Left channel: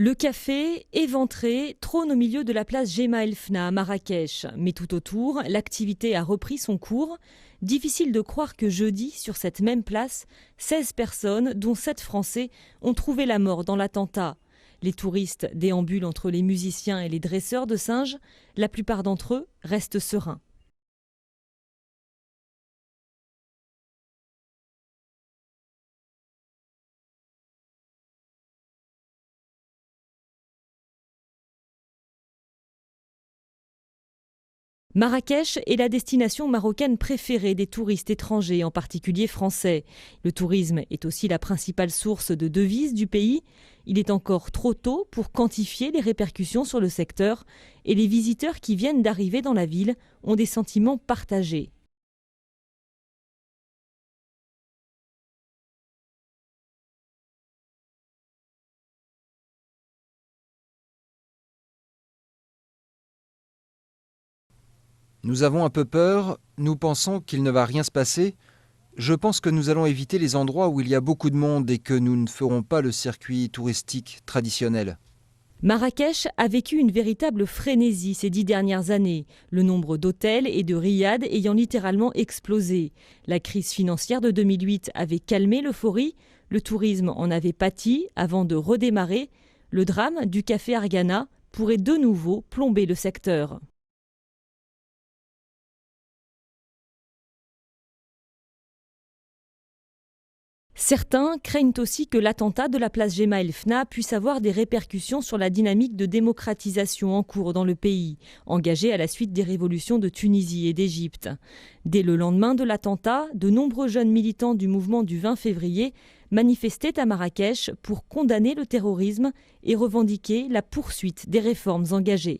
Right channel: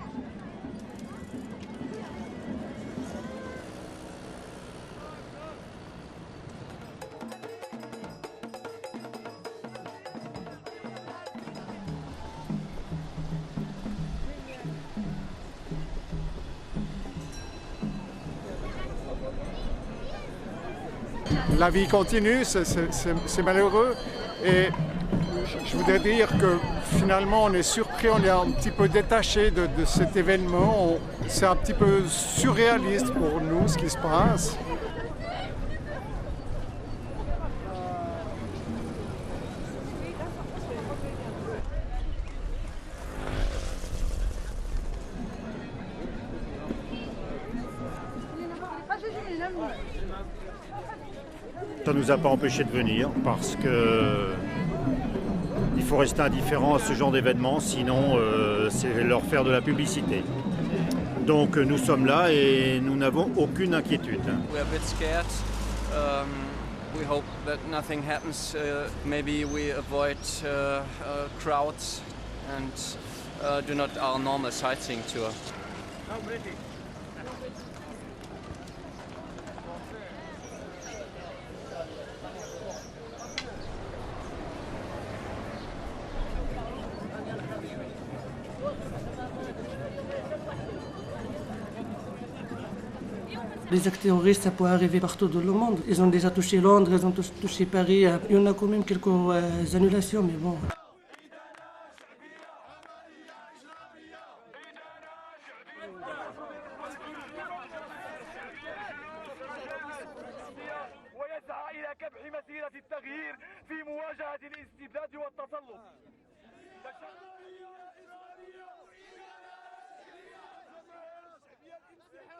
Le café, éventré, trône au milieu de la place Jemaa El Fna à Marrakech. Mais tout autour, l'activité a repris son cours. Difficile de croire que jeudi, sur cette même place, 16 personnes, dont 7 Français, ont trouvé la mort dans l'attentat. Les touristes déambulent entre les musiciens et les dresseurs de singes. La plupart d'entre eux restent sereins. La vie continue, c'est malheureux. Et je voudrais dire que finalement on est surpris, on est un petit peu détaché de cet événement. C'est un petit peu surréaliste pour nous ce qui se passe. Marrakech est la destination marocaine préférée des touristes étrangers, en particulier français. Le tourisme est aussi la principale source de devises du pays. Il est encore trop tôt pour quantifier les répercussions sur le secteur. Et les visiteurs qui viennent d'arriver dans la ville ont des sentiments partagés. Ça ne nous a pas empêchés de venir parce que il faut rester indifférent à ce genre d'événement, sinon c'est leur faire de la publicité. Donc nous sommes là et nous n'avons aucune inquiétude. Nous avons un peu peur, nous pensons qu'il ne va rien se passer. Je pense que nous allons éviter les endroits où il y a beaucoup de monde et que nous ne ferons pas le circuit touristique traditionnel. Marrakech a vécu une véritable frénésie ces 10 dernières années, le nombre d'hôtels et de riads ayant littéralement explosé. La crise financière de 2008 avait calmé l'euphorie, le tourisme en avait pâti avant de redémarrer. Le drame du café Argana pourrait de nouveau plomber le secteur. Les actes terroristes, ça pourrait arriver partout dans le monde. Ils ont déjà touché Londres, ils ont touché Paris. Il y en a quand même quelques annulations, mais bon. Certains craignent aussi que l'attentat de la place Jemaa El Fna puisse avoir des répercussions sur la dynamique de démocratisation en cours dans le pays, engagée à la suite des révolutions de Tunisie et d'Égypte. Dès le lendemain de l'attentat, de nombreux jeunes militants du mouvement du 20 février manifestaient à Marrakech pour condamner le terrorisme et revendiquer la poursuite des réformes engagées.